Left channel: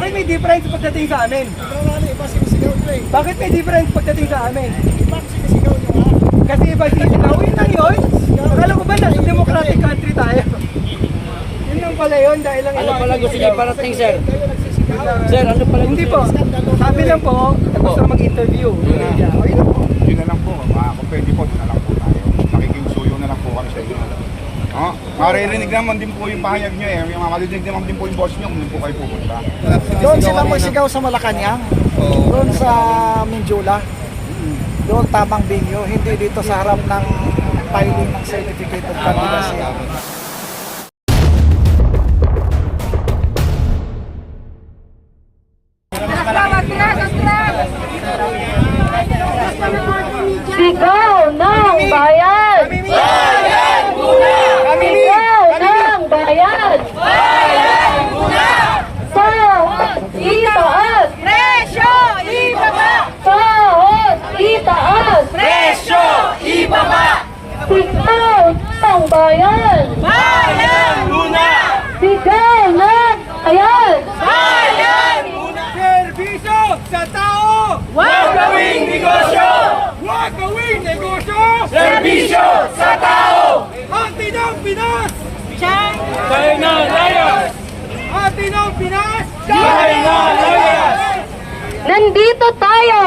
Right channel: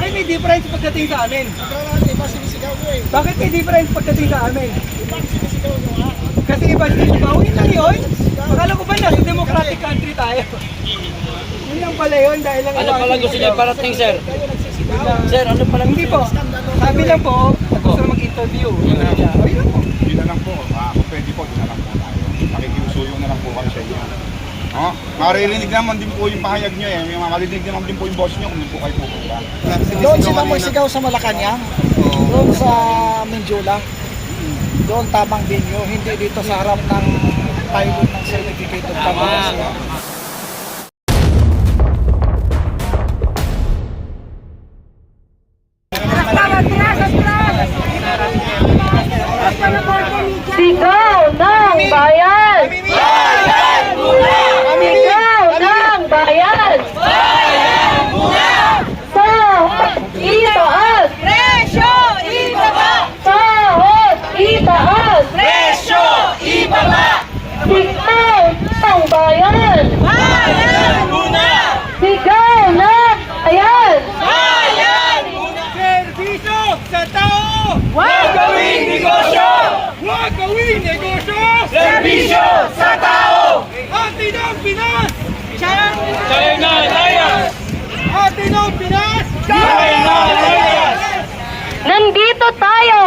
Bakit may difference pagdating sa amin? Iba sinisigaw ko eh. Bakit may difference pagdating sa amin? Iba sinisigaw nyo nga. Kasi iba sinisigaw, yun lang yun. Akala ko ba nasa democratic country tayo? Yun lang pala yun, dahil lang Ano pala gusto niya parating, sir? Kayo nagsisigaw. Sir, ano pala Hindi po. Sabi lang po, at gusto na mag-interview. Yun lang po. Yun na lang po, kung pwede po, yun na lang po tayo. Nakikiusuyo na lang po kami sa inyo. Maririnig naman din po yung pahayag nyo eh. Marinig naman din po yung boss nyo kung doon po kayo pupunta. Doon sila magsigaw sa Malacanang. Doon sa Mindula. Doon tamang venue. Hindi dito sa harap ng filing ng certificate of candidacy. Sigaw ng bayan! Bayan muna! Sigaw ng bayan! Bayan muna! Sahod itaas! Presyo ibaba! Sahod itaas! Presyo ibaba! Sigaw ng bayan! Bayan muna! Sigaw ng bayan! Bayan muna! Servisyo sa tao! Huwag gawing negosyo! Huwag gawing negosyo! Serbisyo sa tao! Atin ang Pinas! Siyang China Layas! atin ang Pinas! China Layas! Nandito tayo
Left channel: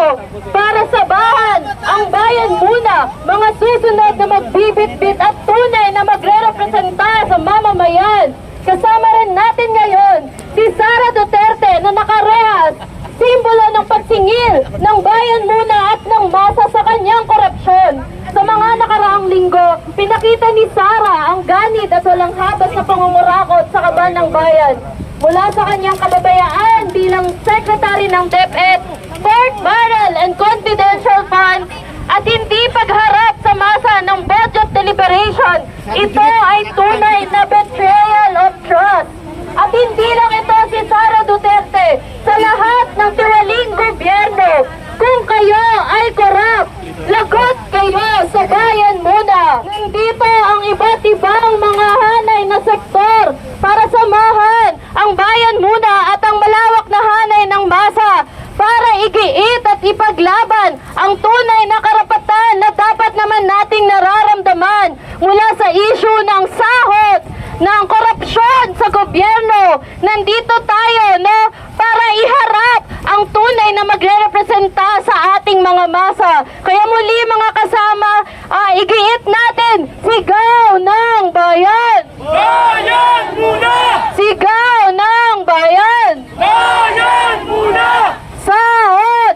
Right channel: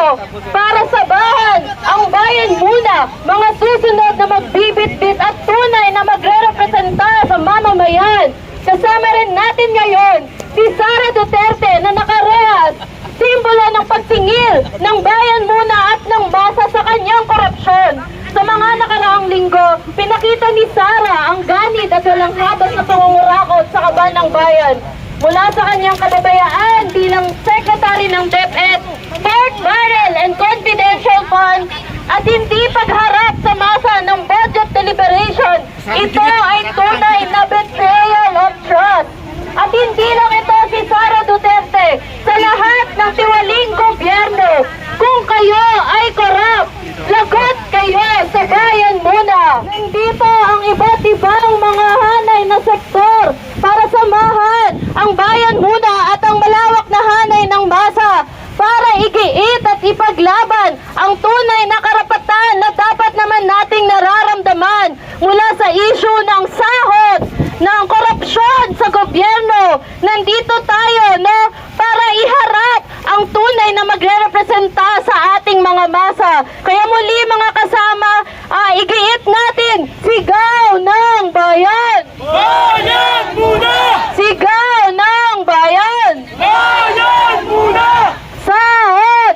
para sabahan ang bayan muna, mga susunod na magbibitbit at tunay na magre-representa sa mamamayan. Kasama rin natin ngayon si Sara Duterte na nakarehas, simbolo ng pagsingil ng bayan muna at ng masa sa kanyang korupsyon. Sa mga nakaraang linggo, pinakita ni Sara ang ganit at walang habas na pangungurakot sa kaban ng bayan. Mula sa kanyang kababayaan bilang Secretary ng DepEd, Port Barrel and Confidential Fund, at hindi pagharap sa masa ng budget deliberation, ito ay tunay na betrayal of trust. At hindi lang ito si Sara Duterte, sa lahat ng tiwaling gobyerno, kung kayo ay korap, lagot kayo sa bayan muna. Nandito ang iba't ibang mga hanay na sektor para samahan ang bayan muna at ang malawak na hanay ng masa para igiit at ipaglaban ang tunay na karapatan na dapat naman nating nararamdaman mula sa issue ng sahod, ng korupsyon sa gobyerno. Nandito tayo, no, para iharap ang tunay na magre-representa sa ating mga masa. Kaya muli mga kasama, igiit natin, sigaw ng bayan! Bayan muna! Sigaw ng bayan! Bayan muna! Sahod!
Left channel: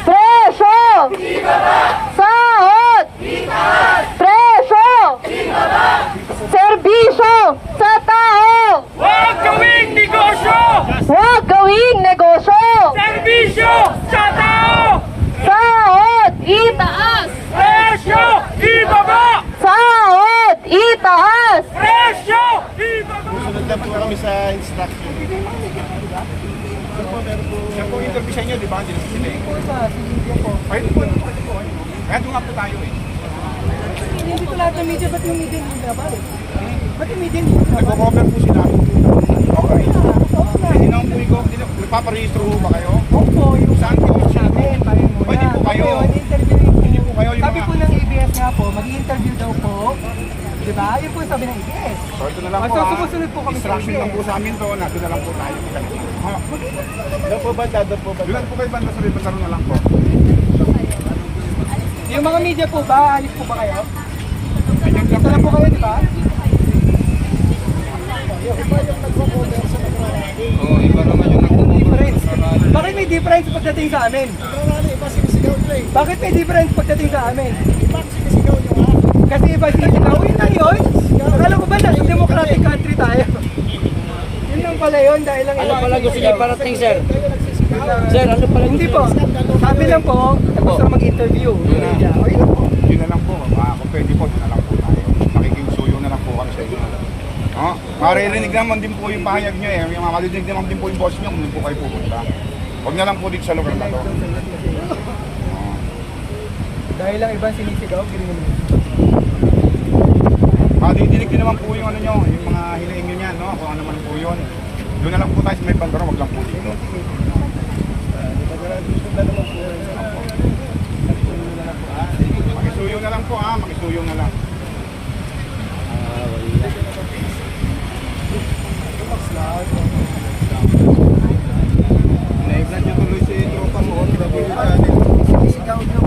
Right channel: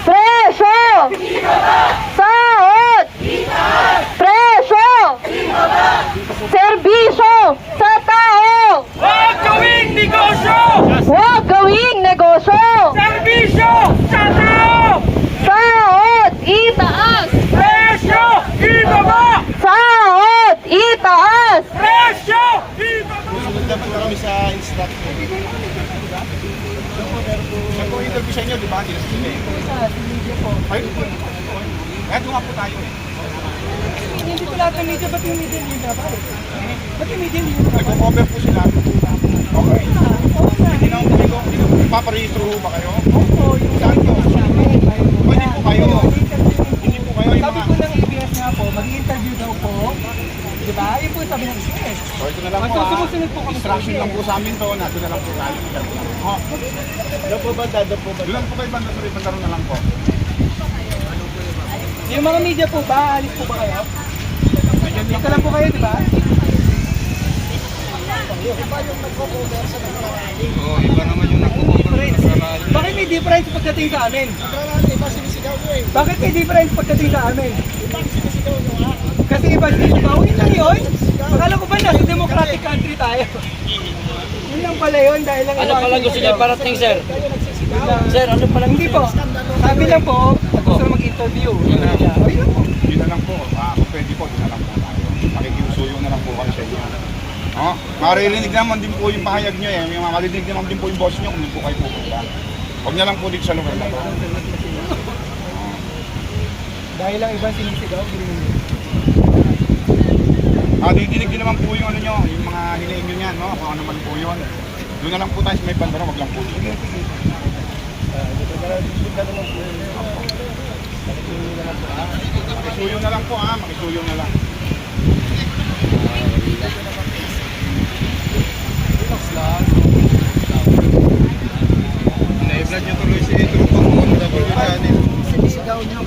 Presyo! Sahod! Presyo! Serbisyo sa tao! Huwag gawing negosyo! Huwag gawing negosyo! Serbisyo sa tao! Sahod! Itaas! Presyo ibaba! Sahod! Itaas! Presyo ibaba! Susunod naman kami sa instruction. Siya po interview sa inyo, di ba? Sinasabi. Sa media po. Ayun po, ayun po. Kaya doon nga po tayo eh. Hindi ko lahat ng media, ba't yung media hindi na pare? Ba't yung media hindi na pare? Nagko-cover po sila. Okay. Oo na. Hindi naman po kayo, nagpaparehistro ho ba kayo? Opo, yung Saan po? sa amin, bayan muna. Pwede po kayo. Ngayon, interview Hindi po kayo yung Sabi po ng ABS nga po, mag-i-interview daw po. Di ba? Yun po yung sabi ng ABS. So ito na lang po So, ha. sumusunod po kami sa Instruction ABS. lang po sa amin to, natin na lang po tayo. Ha? Doon po banda, doon po banda. Doon po kayo banda, sorry, pagkaroon na lang po. Yung mga media po ba, alis po ba kayo? Dito lang po kayo, di ba? Difference. Bakit may difference pagdating sa amin? Iba sinisigaw ko eh. Bakit may difference pagdating sa amin? Iba sinisigaw nyo nga. Kasi iba sinisigaw, yun lang yun. Akala ko ba nasa democratic country tayo? Yun lang pala yun, dahil lang Ano pala gusto niya parating, sir? Kayo nagsisigaw. Sir, ano pala Hindi po. Sabi lang po, at gusto na mag-interview. Yun lang po. Yun na lang po, kung pwede po, yun na lang po tayo. Nakikiusuyo na lang po kami sa inyo. Maririnig naman din po yung pahayag nyo eh. Marinig naman din po yung boss nyo kung doon po kayo pupunta. Huwag na lang po dito sa lugar na to. Dahil lang ibang sinisigaw, gilingan nyo. Didinig din naman po yung ano nyo, yung mga hiniing nyo niyan, no? Kung ano man po yun. Doon na lang po tayo sa may bandera, wag lang po dito. Makisuyo na lang po ha, makisuyo na lang. Na-vlog niyo tuloy si tropa mo,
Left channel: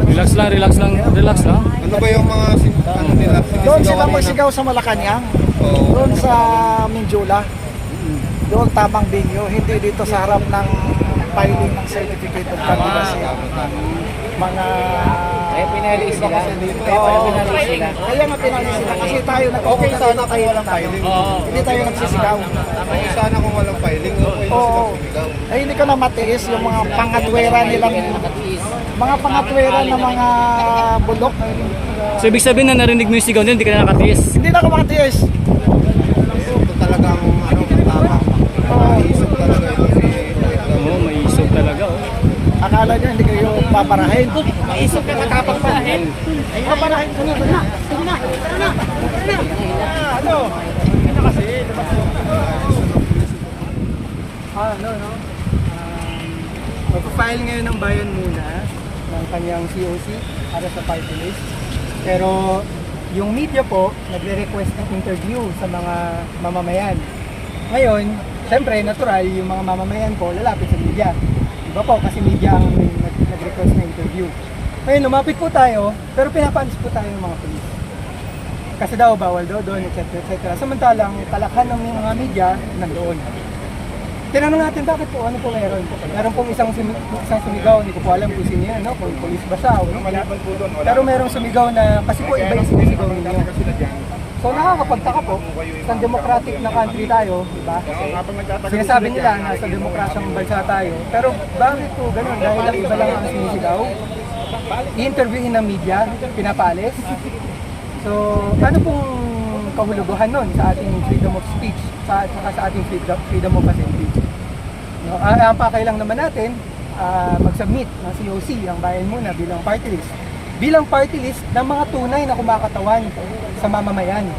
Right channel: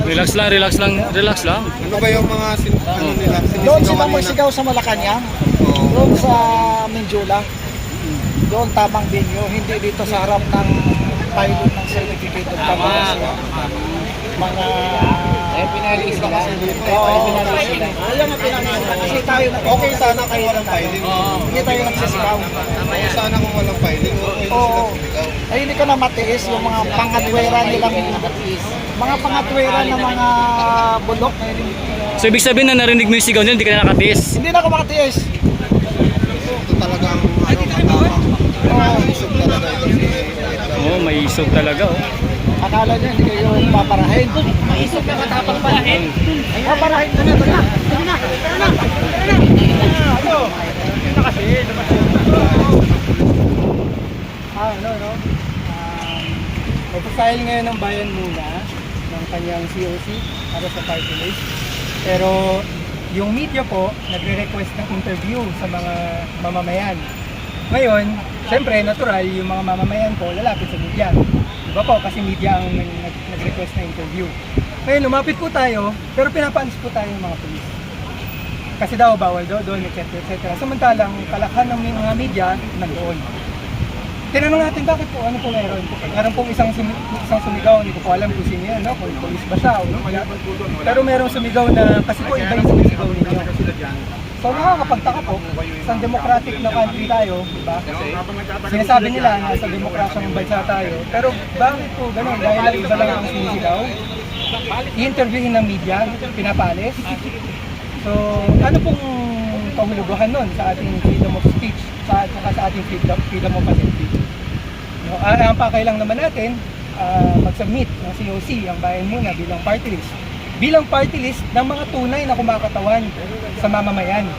Relax lang, relax lang, relax lang. Ano ba yung mga ano nila? Doon sila magsigaw sa Malacanang. Doon sa Mindula. Doon tamang venue, hindi dito sa harap ng filing ng certificate of candidacy. Mga pinali sila. Oo, pinali sila. Kaya nga pinali sila kasi tayo okay sana kayo lang tayo. Hindi tayo nagsisigaw. Sana kung walang filing, okay Oo. Ay hindi ko na matiis yung mga pangatwera nilang mga pangatwera na mga bulok. So ibig sabihin na narinig mo yung sigaw nila, hindi ka na nakatiis. Hindi na ako makatiis. Ito talagang tama. Oo. Isip talaga ito si Oo, may isog talaga oh. Akala niya hindi kayo paparahin. Maisip na matapang parahin. Ay, paparahin na na. No. Magpa-file ngayon ng bayan muna ng kanyang COC para sa party list. Pero yung media po, nagre-request ng interview sa mga mamamayan. Ngayon, siyempre, natural, yung mga mamamayan po lalapit sa media. Diba po, kasi media ang nag-request na interview. Ngayon, lumapit po tayo, pero pinapaalis po tayo ng mga polis. Kasi daw, bawal daw doon, etc. Samantalang, kalakhan ng mga media, nandoon. Tinanong natin bakit po, ano po meron? Meron pong isang sumigaw, hindi ko po alam kung sino yan, no? Kung police ba siya o no? Pero merong sumigaw na, kasi po iba yung sumisigaw ninyo. So nakakapagtaka po, isang democratic na country tayo, di ba? Sinasabi nila na sa demokrasyang bansa tayo, pero bakit po ganun? Dahil lang iba lang ang sinisigaw, i-interviewin ng media, pinapalis. So ano pong kahulugan nun sa ating freedom of speech, sa ating freedom of assembly? No, ang pakailang naman natin, mag-submit ng COC, ang bayan muna bilang party list. Bilang party list ng mga tunay na kumakatawan sa mamamayan,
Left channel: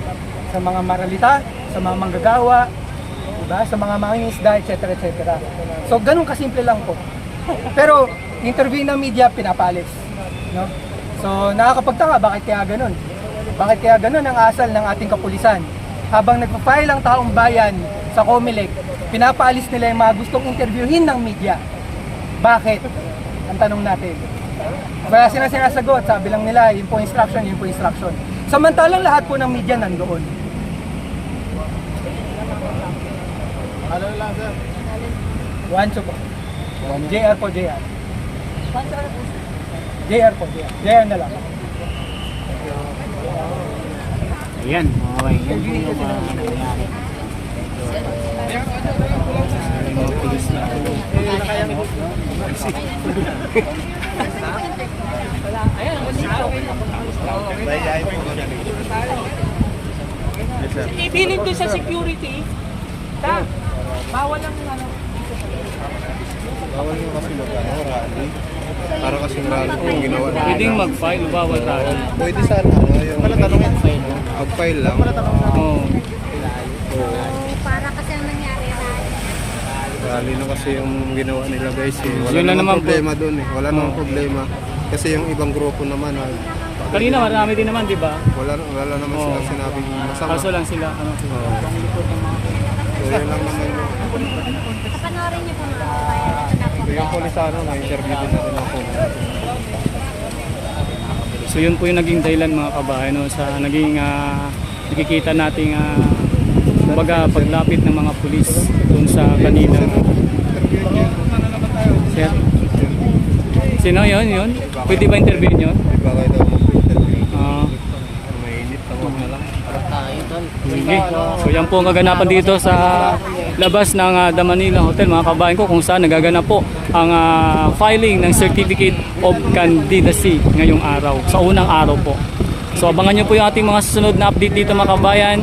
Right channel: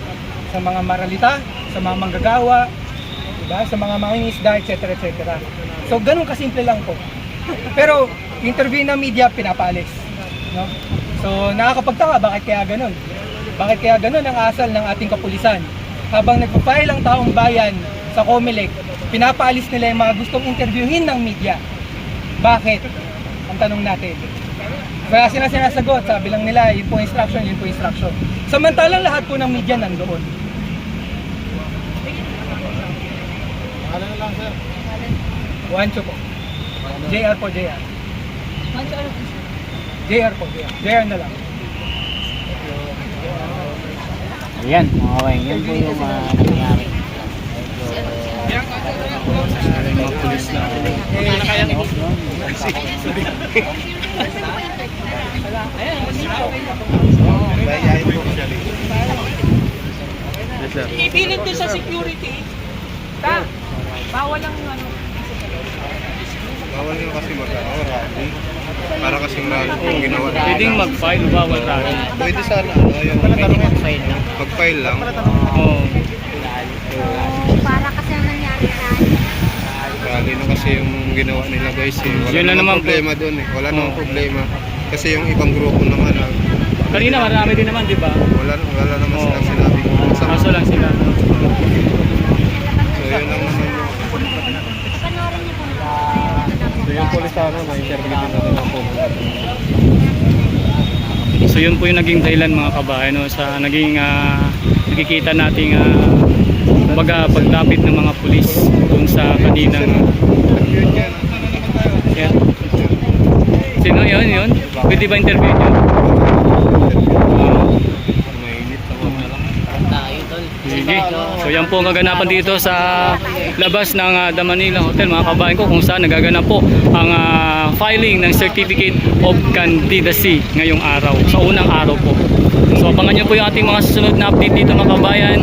sa mga maralita, sa mga manggagawa, diba? Sa mga mangingisda, etc. So ganun kasimple lang po. Pero interview ng media, pinapalis. No? So nakakapagtaka, bakit kaya ganun? Bakit kaya ganun ang asal ng ating kapulisan? Habang nagpa-file ang taong bayan sa COMELEC, pinapaalis nila yung mga gustong interviewin ng media. Bakit? Ang tanong natin. Kaya sila sinasagot, sabi lang nila, yun po instruction, yun po instruction. Samantalang lahat po ng media nandoon. Juancho po. JR po, JR. JR po, JR. JR na lang. Ayan, mga kawain, yan po Interviewin kasi yung na. mga pulis na. Ibilin doon sa security. Bawal ang ano. Bawal nga kasi rally. Para kasing rally kung ginawa na. Pwedeng mag-file, bawal rally. Pwede sana, yung mag-file lang. Oo. Para kasi ang nangyari sa akin. Rally na kasi yung ginawa nila guys. Wala Yun lang naman po. problema doon. Wala namang problema. Kasi yung ibang grupo naman, Kanina marami din naman, di ba? wala naman Oo. silang sinabing masama. Kaso lang sila. Ano? So yun lang naman yung Kapanoorin niyo pa mga yung polisano na interview na din ako. So yun po yung naging dahilan mga kabahay, no, sa naging nakikita nating kumbaga paglapit ng mga pulis doon sa kaninang sino yun? Pwede ba interview nyo? Sige. So yan po ang kaganapan dito sa labas ng The Manila Hotel mga kabayan ko, kung saan nagaganap po ang filing ng Certificate of Candidacy ngayong araw, sa unang araw po. So abangan nyo po yung ating mga susunod na update dito mga kabayan.